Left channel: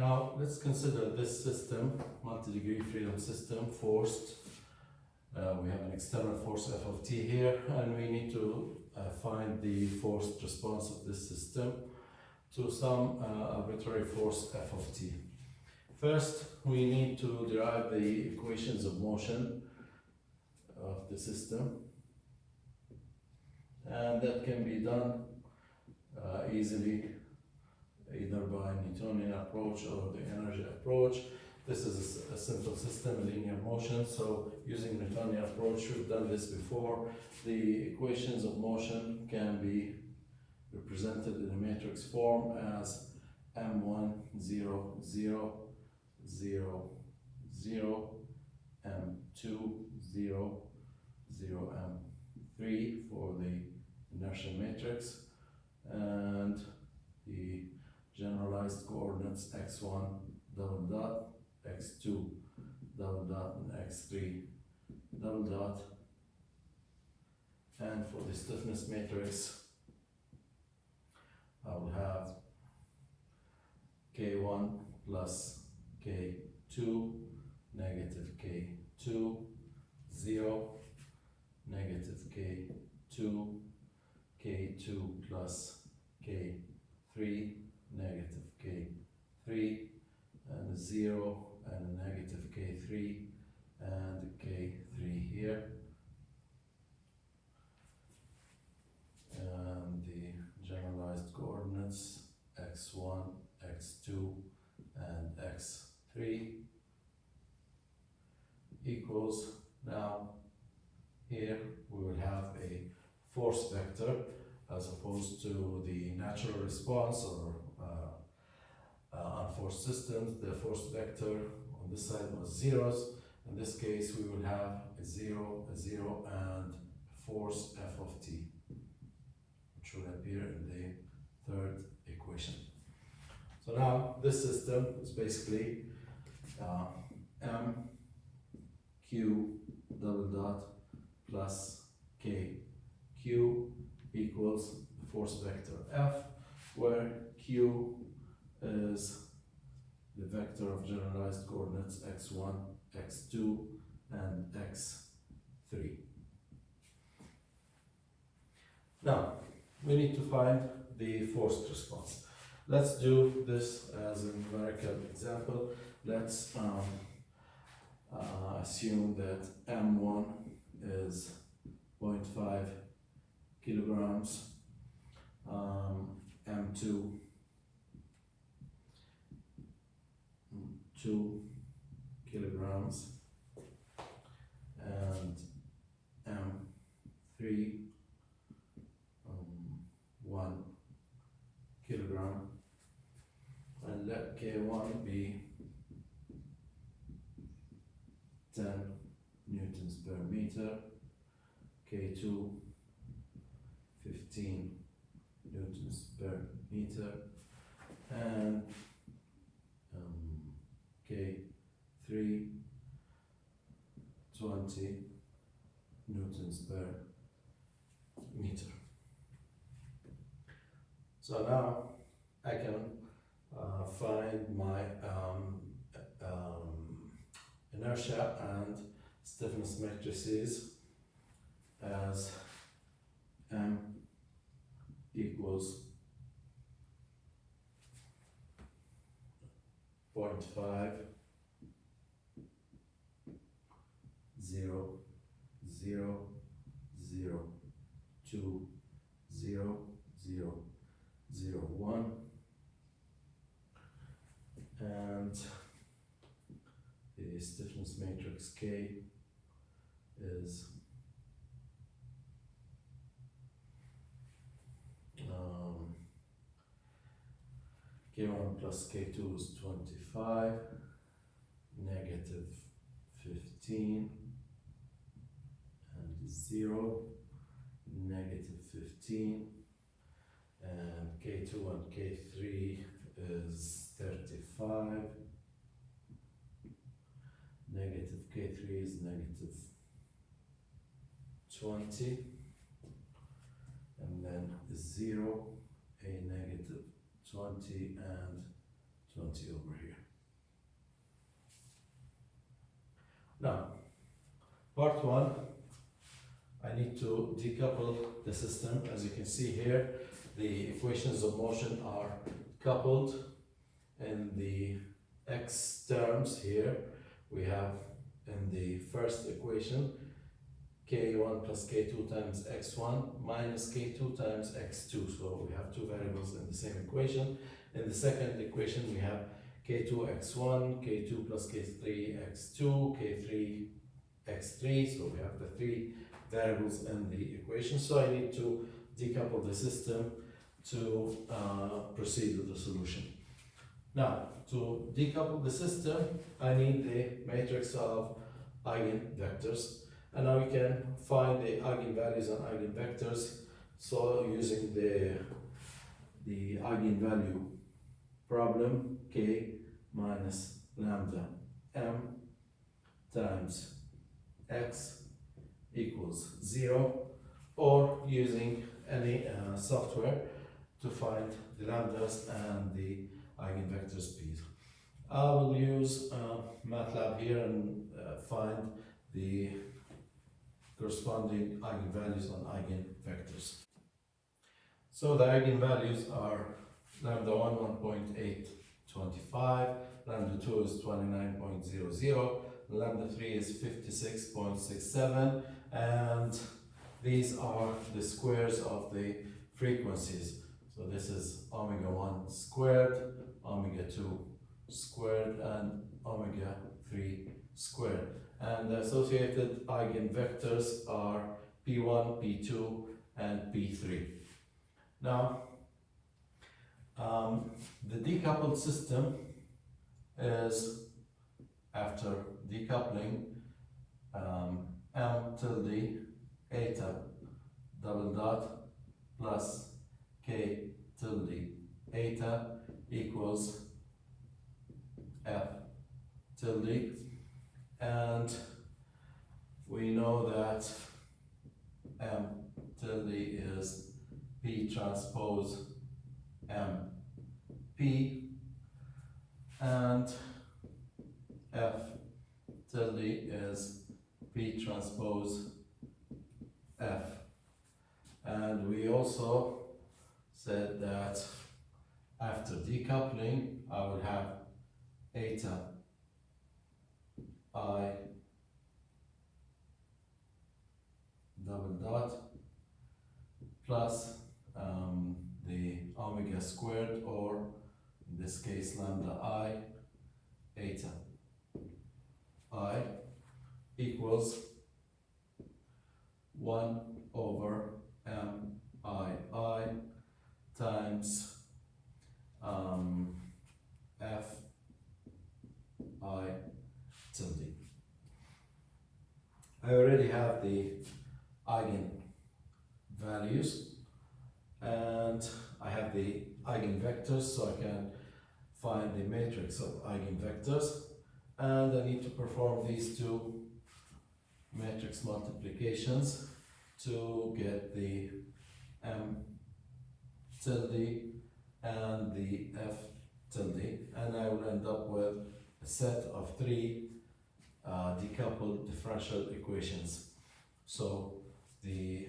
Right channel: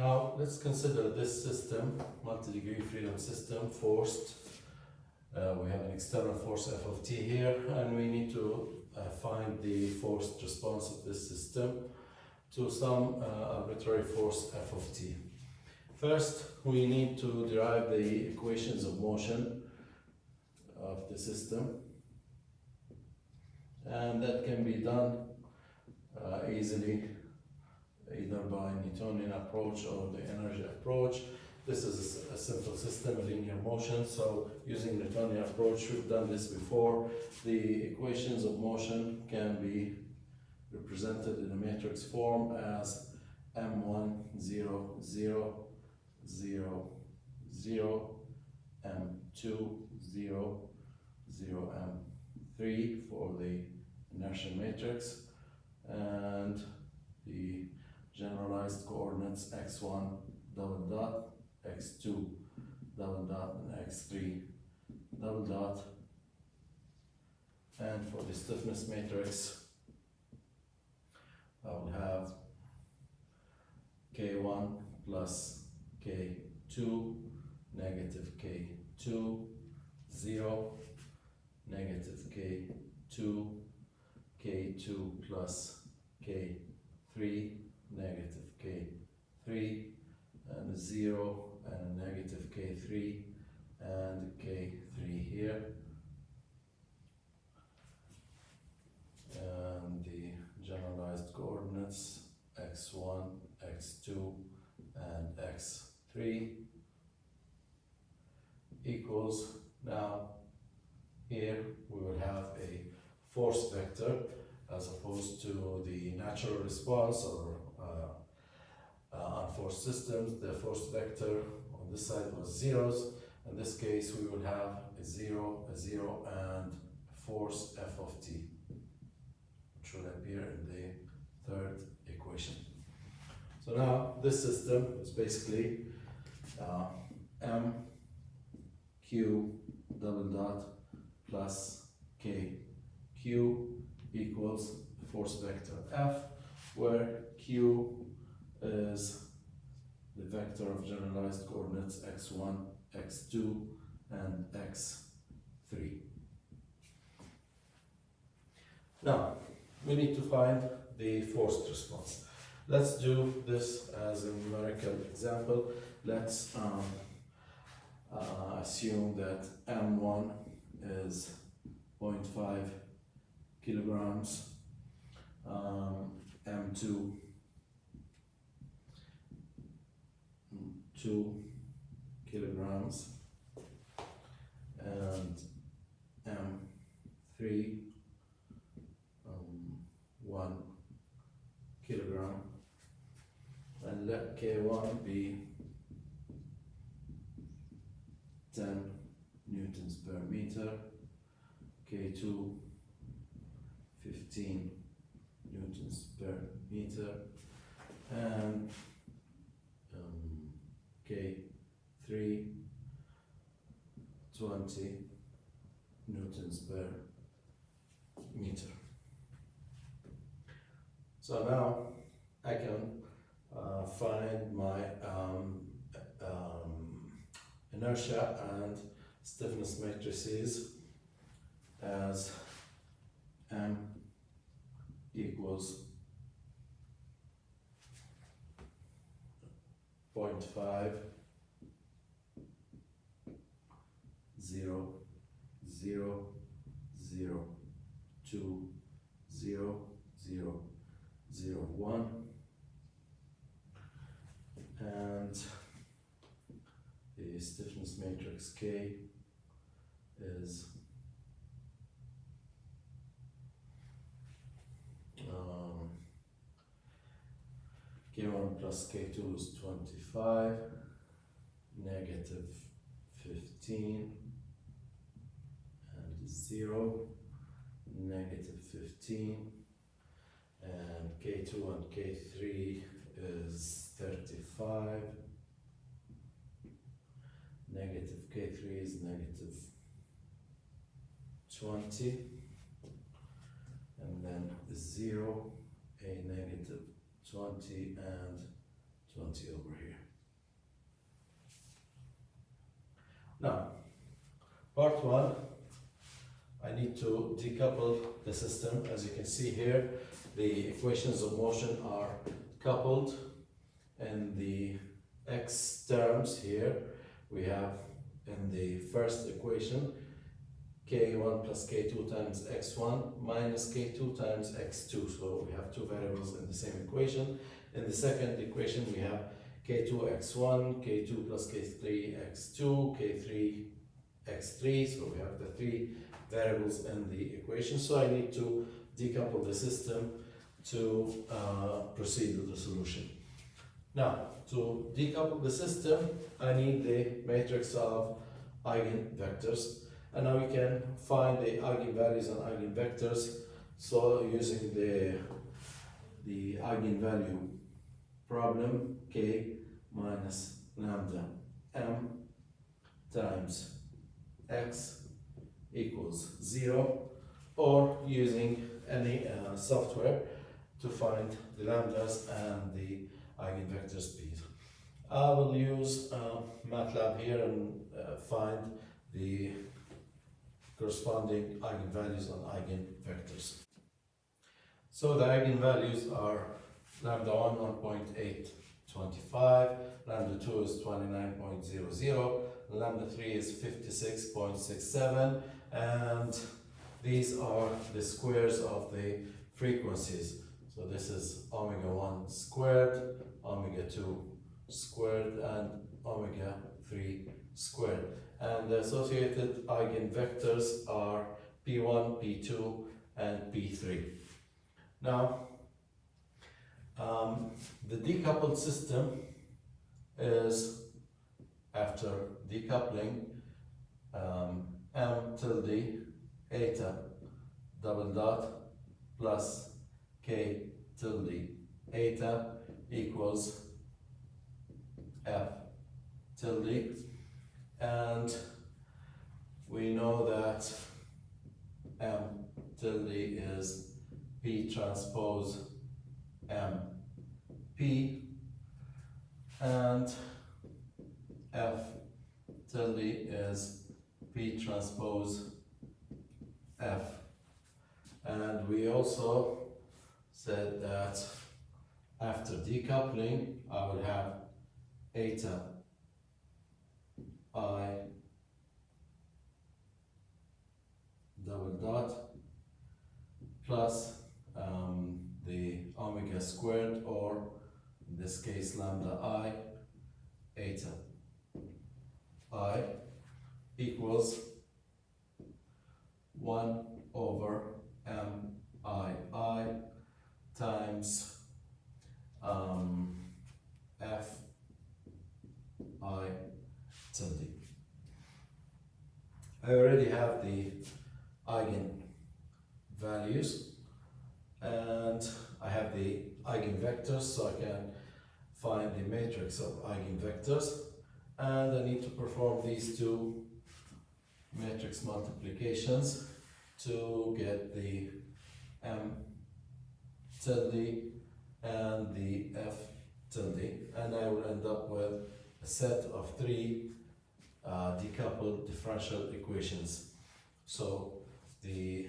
Now let's consider this system, multi-degree freedom system, forced. We have an external force F of t here, and we need to find the forced response of this system to some arbitrary force F of t. First, we need to derive the equations of motion of the system, and that can be done easily either by Newtonian approach or the energy approach. This is a simple system, a linear motion, so using Newtonian approach, we've done this before. The equations of motion can be represented in a matrix form as m1, 0, 0, 0, 0, m2, 0, 0, m3 for the inertial matrix, and the generalized coordinates x1 double dot, x2 double dot, and x3 double dot. And for the stiffness matrix, I will have k1 plus k2, negative k2, 0, negative k2, k2 plus k3, negative k3, and 0, and a negative k3, and k3 here. And the generalized coordinates x1, x2, and x3 equals, now here we will have a force vector as opposed to the natural response or unforced systems. The force vector on this side was zeros. In this case, we will have a 0, and a force F of t, which will appear in the third equation. So now this system is basically m q double dot plus k. Q equals the force vector F, where Q is the vector of generalized coordinates x1, x2, and x3. Now, we need to find the forced response. Let's do this as a numerical example. Let's assume that m1 is 0.5 kilograms, m2 2 kilograms, and m3 1 kilogram, and let K1 be 10 newtons per meter, K2 15 newtons per meter, and K3 20 newtons per meter. So now I can find my inertia and stiffness matrices as m equals 0.5, 0, 0, 0, 2, 0, 0, 0, 1, and the stiffness matrix K is K1 plus K2 is 25, negative 15, and 0, negative 15, and K2 and K3 is 35, negative K3 is negative 20, and then 0, a negative 20, and 20 over here. Now, part one, I need to decouple the system. As you can see here, the equations of motion are coupled, and the x terms here we have in the first equation k1 plus k2 times x1 minus k2 times x2. So we have two variables in the same equation. In the second equation we have k2 x1, k2 plus k3 x2, k3 x3. So we have the three variables in the equation. So I need to decouple the system to proceed with the solution. Now, to decouple the system, I need the matrix of eigenvectors. And now we can find the eigenvalues and eigenvectors. So using the eigenvalue problem, k minus lambda m times x equals 0, or using any software to find the lambdas and the eigenvectors, please. I will use MATLAB here and find the corresponding eigenvalues and eigenvectors. So the eigenvalues are lambda 1, 1.825, lambda 2 is 29.00, lambda 3 is 56.67, and these are the squares of the frequencies. So this is omega 1 squared, omega 2 squared, and omega 3 squared. And the associated eigenvectors are P1, P2, and P3. Now, the decoupled system is, after decoupling, m tilde eta double dot plus k tilde eta equals f tilde, and we know that m tilde is p transpose m p, and f tilde is p transpose f. And we also said that after decoupling I will have eta I double dot plus the omega squared, or in this case lambda I eta I equals 1 over m I times f I tilde. I already have the eigenvalues and I have the eigenvectors, so I can find the matrix of eigenvectors, and I need to perform these two matrix multiplications to get the m tilde and the f tilde, and I will end up with a set of three decoupled differential equations. So the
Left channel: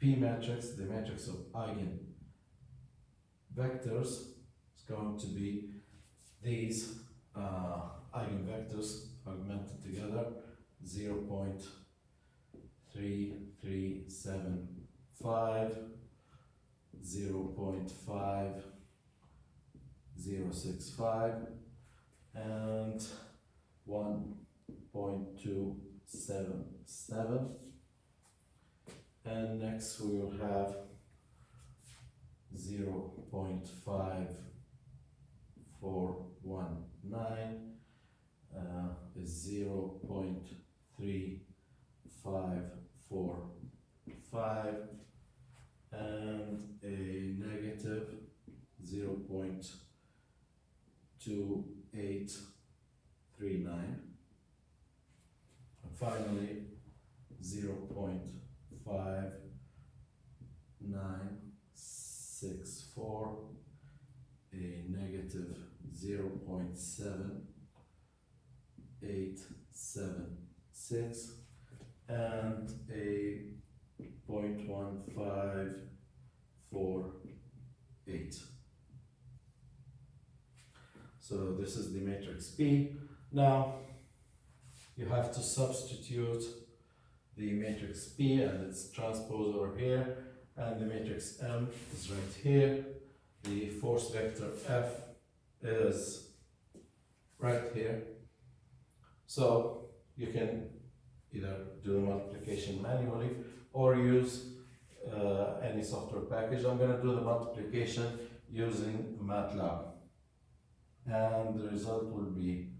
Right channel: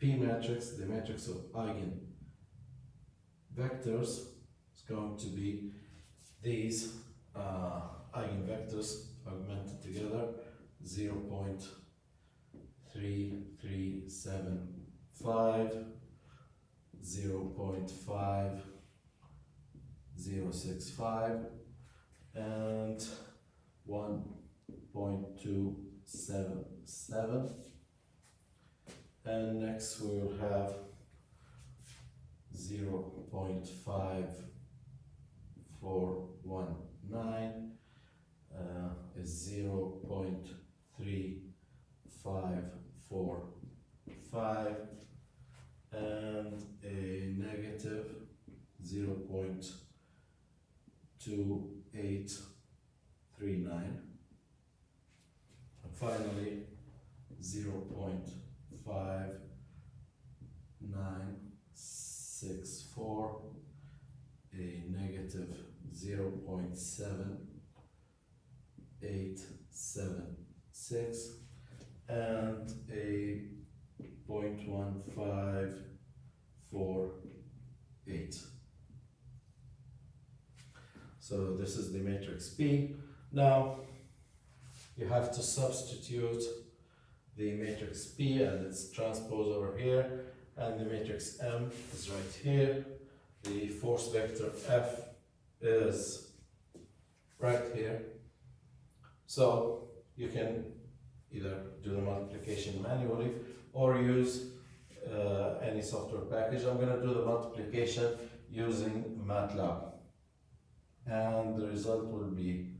P matrix, the matrix of eigenvectors, is going to be these eigenvectors augmented together: 0.3375, 0.5065, and 1.277. And next we will have 0.5419 is 0.3545, and a negative 0.2839, and finally 0.5964, a negative 0.7876 and a 0.1548. So this is the matrix P. Now you have to substitute the matrix P and its transpose over here, and the matrix M is right here. The force vector F is right here. So you can either do the multiplication manually or use any software package. I'm going to do the multiplication using MATLAB, and the result will be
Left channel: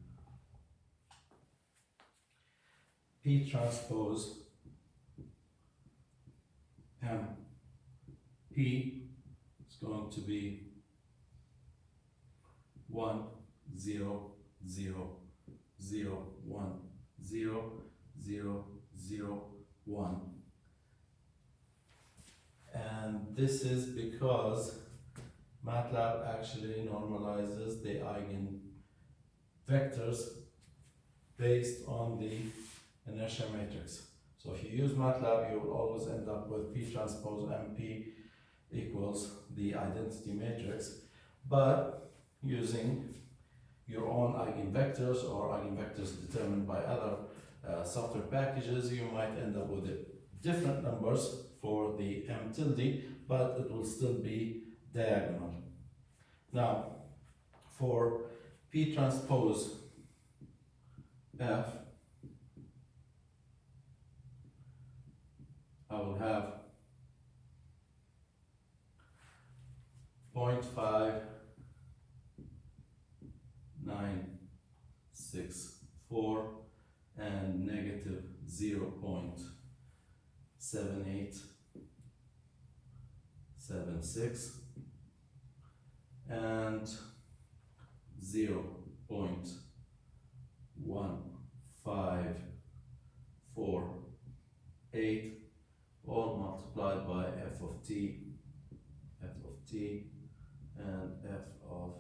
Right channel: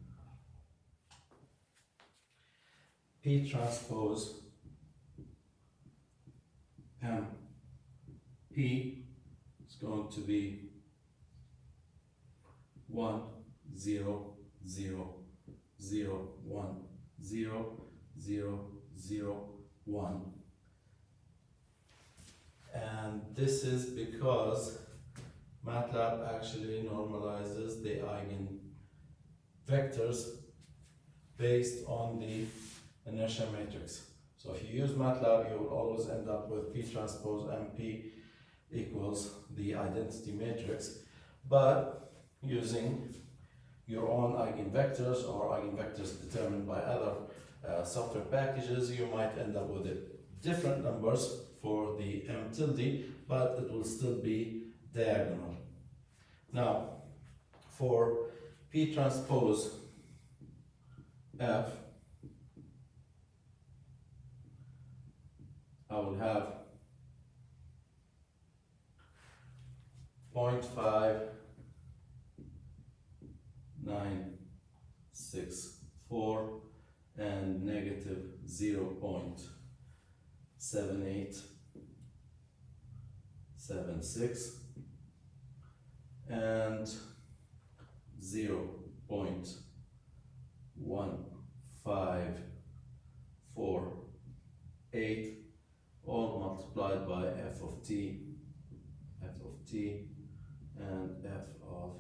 P transpose M P is going to be 1 0 0 0 1 0 0 0 1, and this is because MATLAB actually normalizes the eigenvectors based on the inertia matrix. So if you use MATLAB, you will always end up with P transpose MP equals the identity matrix, but using your own eigenvectors or eigenvectors determined by other software packages, you might end up with different numbers for the M tilde, but it will still be diagonal. Now, for P transpose F, I will have 0.5964 and negative 0.7876 and 0.1548, all multiplied by f of t, and f of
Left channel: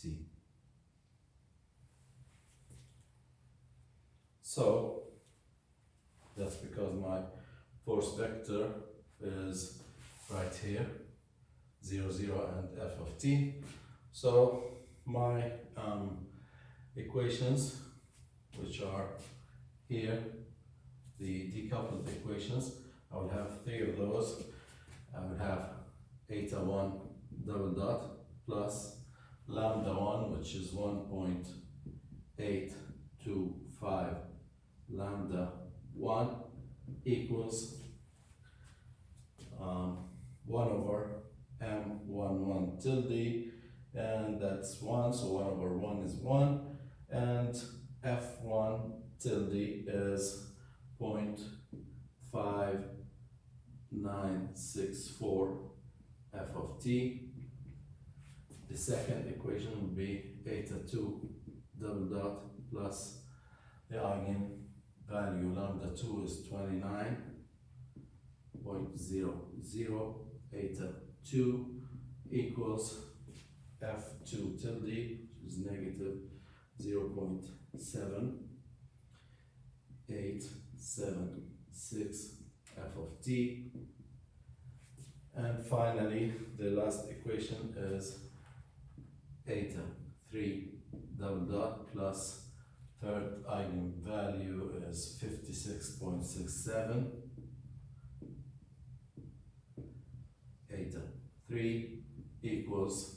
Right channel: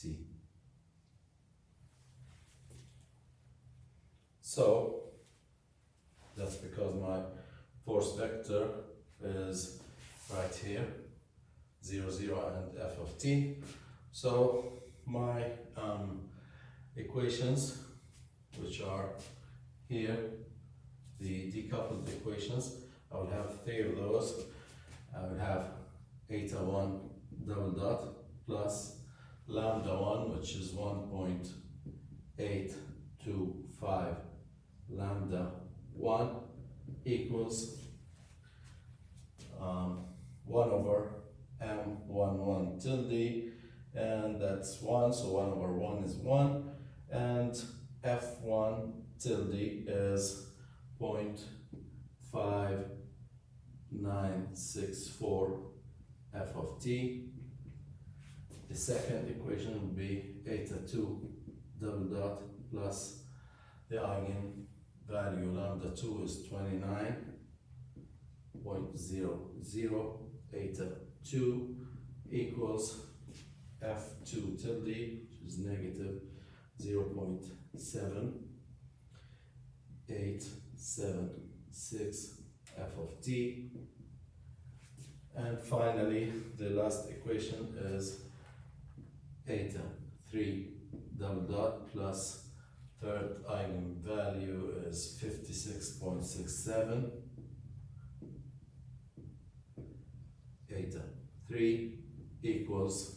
t. So that's because my force vector is right here, 0, 0 and f of t. So my equations, which are here, the decoupled equations, I will have 3 of those. I will have eta 1 double dot plus lambda 1, which is 1.825 lambda 1 equals 1 over m11 tilde, and that's 1, so 1 over 1 is 1, and f1 tilde is 0.5964 f of t. The second equation will be eta 2 double dot plus the eigenvalue lambda 2 is 29.00 eta 2 equals f2 tilde, which is negative 0.7876 f of t. And finally, the last equation is eta 3 double dot plus third eigenvalue is 56.67 eta 3 equals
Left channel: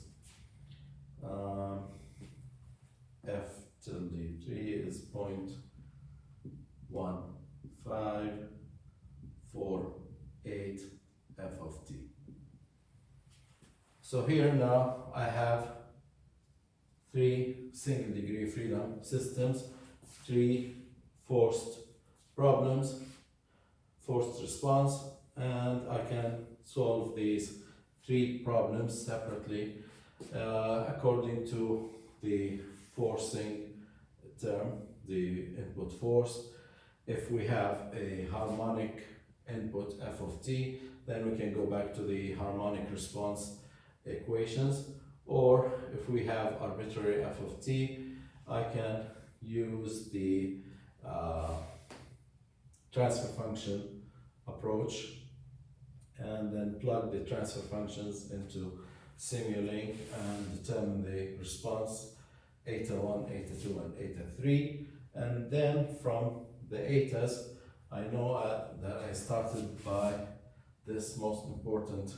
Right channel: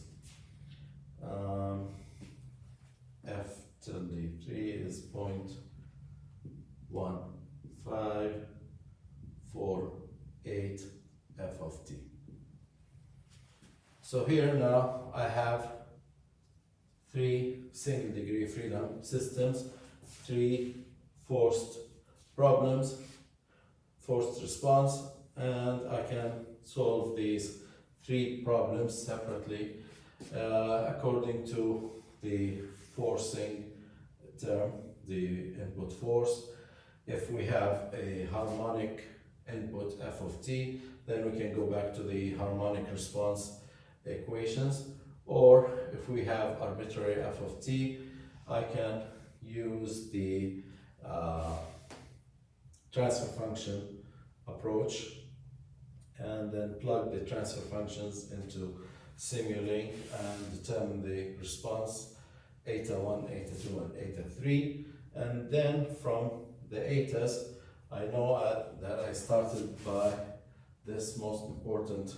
f tilde 3 is 0.1548 f of t. So here now I have 3 single degree freedom systems, 3 forced problems, forced response, and I can solve these 3 problems separately according to the forcing term, the input force. If we have a harmonic input f of t, then we can go back to the harmonic response equations, Or if we have arbitrary f of t, I can use the transfer function approach and then plug the transfer functions into Simulink and determine the response eta 1, eta 2, and eta 3. And then from the etas, I know that I started by this most important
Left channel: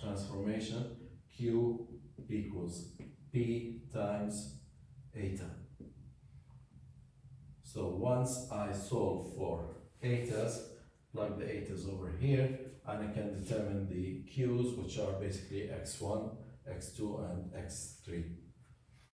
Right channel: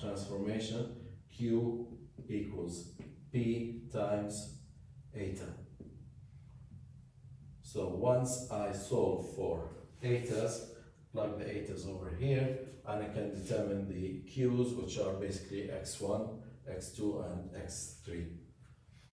transformation, Q equals P times eta. So once I solve for etas, plug the etas over here, and I can determine the Q's, which are basically x1, x2, and x3.